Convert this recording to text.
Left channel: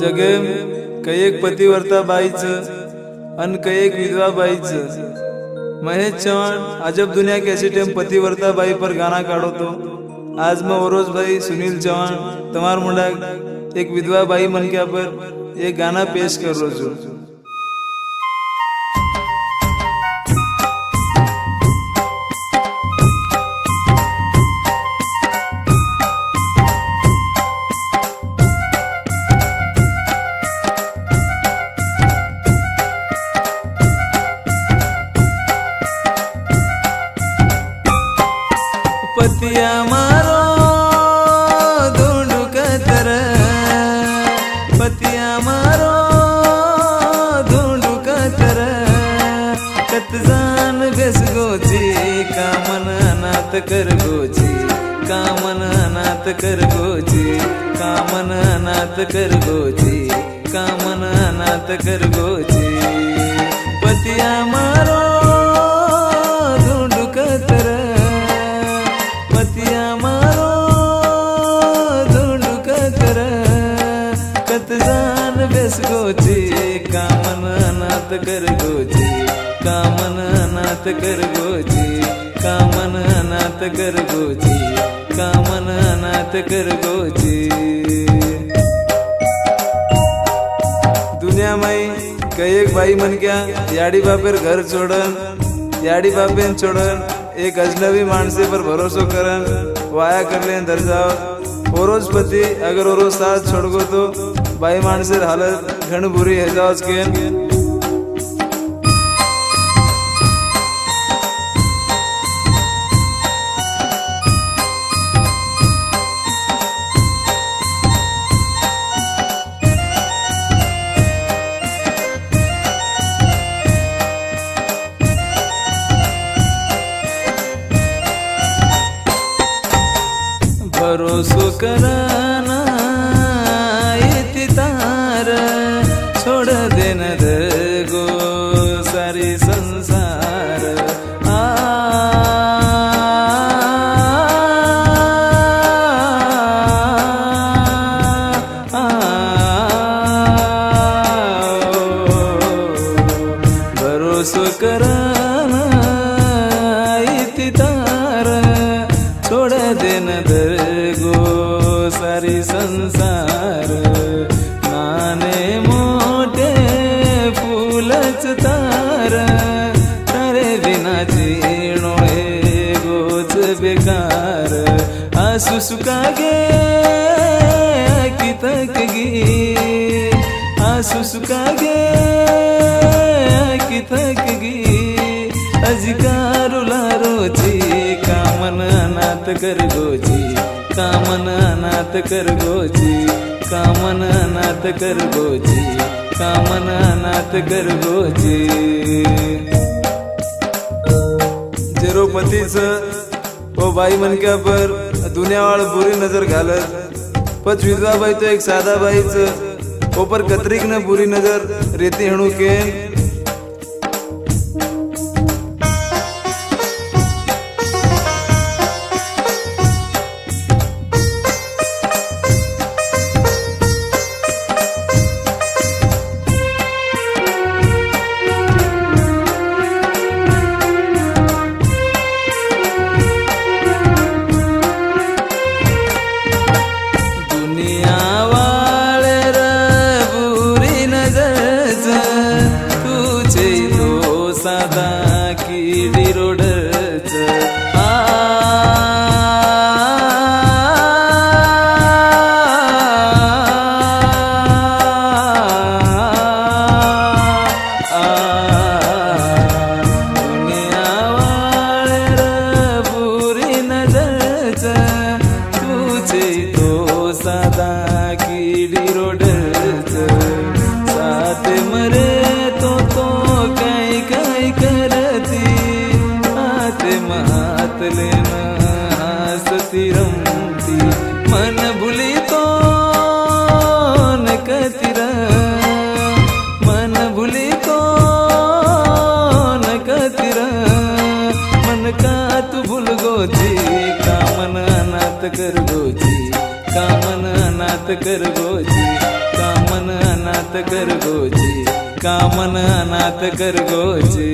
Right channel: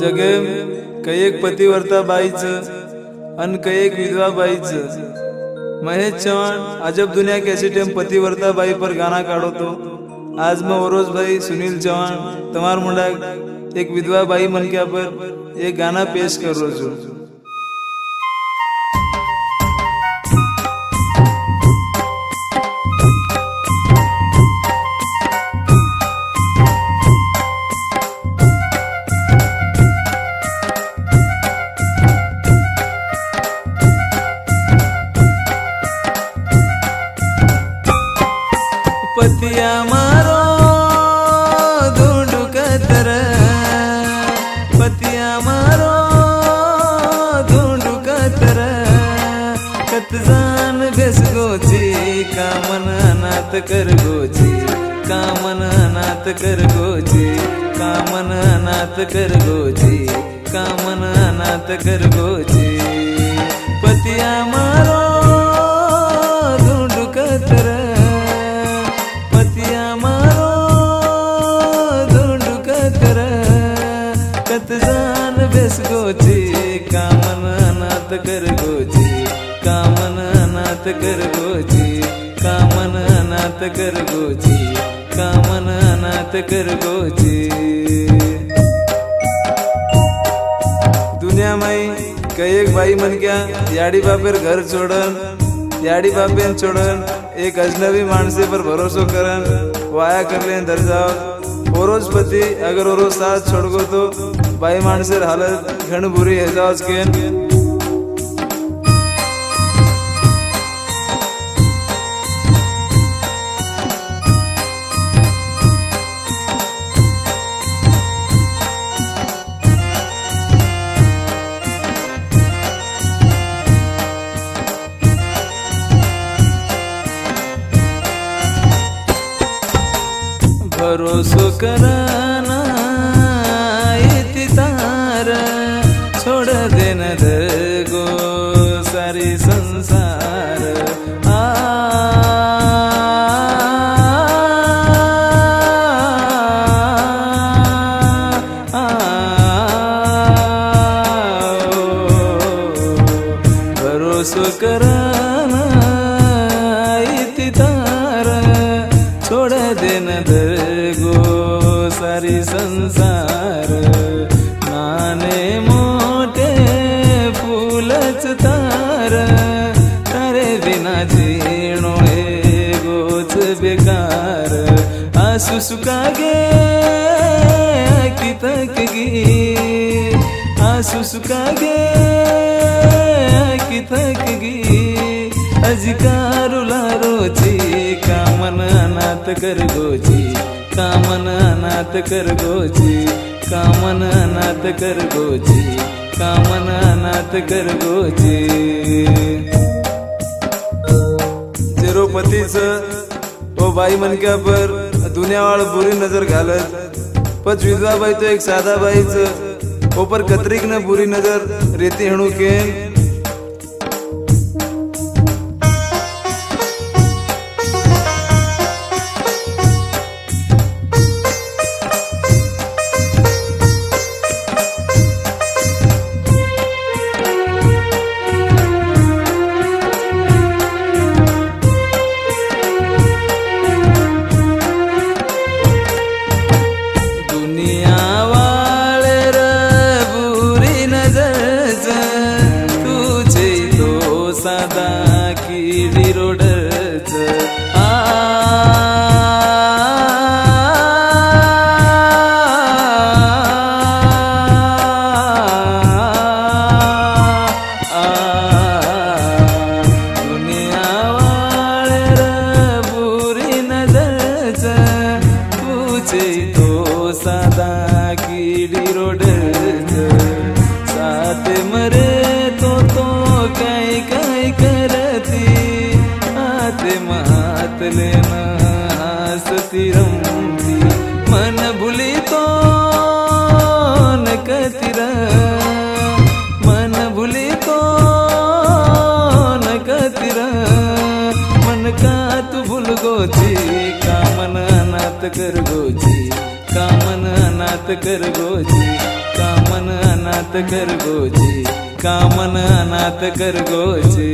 जगे कैक पतिव्रता बाईच अन कैक विधवा बाईच। महेश चौहान अजब दुनिया कैसी टेम पतिव्रता बाई पर गाना काढ़ो तो आज मैं ओरोज भाई सुनील चौहान तमार मुंडा एक विधवा बाई मन क्या पर एक गाना पेश कर रो छू। पतिया मारो ढूंढू कतर, पतिया मारो ढूंढू कतर, कत जान बेस गोची कामन अनाथ कर गोची, कामन अनाथ कर गोची, कामन अनाथ कर गोची, कामन अनाथ कर गोची। पतिया मारो ढूंढू कतर, पतिया मारो ढूंढू कतर, कत जान बेस गोची कामन अनाथ कर गोची, कामन अनाथ कर गोची, कामन अनाथ कर गोची, कामन अनाथ कर गोची। दुनिया माई कैक बाई मन क्या याडी बापेर घर छोड़न, याडी बापेन छोड़न एक अजनबी मानसे पर भरोसो करन वाया कर लें दर जाओ। ओरोज पति अगर ओरोज साथ छोड़ गो तो बाई मानसेर हालत घण बुरी है जाओ केन। भरोसो कराना इति तार, छोड़ देना दगो सारी संसार। आ भरोसो कराना इति तार, छोड़ देना दगो सारी संसार। नाने मोटे फूलच तार, तारे बिना जीणो गोच बेकार। आंसू सुखागे आँखी थकगी, आंसू सुखागे आँखी थकगी, अजकारुला रोची कामन अनाथ कर गोची, कामन अनाथ कर गोची, कामन अनाथ कर गोची, कामन अनाथ कर गोची। जेरो पतीच वो बाई मन क्या पर दुनिया वाल बुरी नजर घालत, पच विधवा बाई तो एक सादा बाईच ऊपर कतरीक न बुरी नजर रेती हणु केन। दुनिया वाले बुरी नजर तुझे तो सदा की रोडच। दुनिया वाले बुरी नजर तुझे तो सदा की रोडच। साथ मरे तो कई कई करती, हाथ मात लेना हंसती रमती। मन भूली तो न कतिरा, मन भूली तो न कतिरा। मन का तू भूल गोची कामन अनाथ कर गोची, कामन अनाथ कर गोची। कामन अनाथ खरगोचे, कामन अनाथ खरगोचे।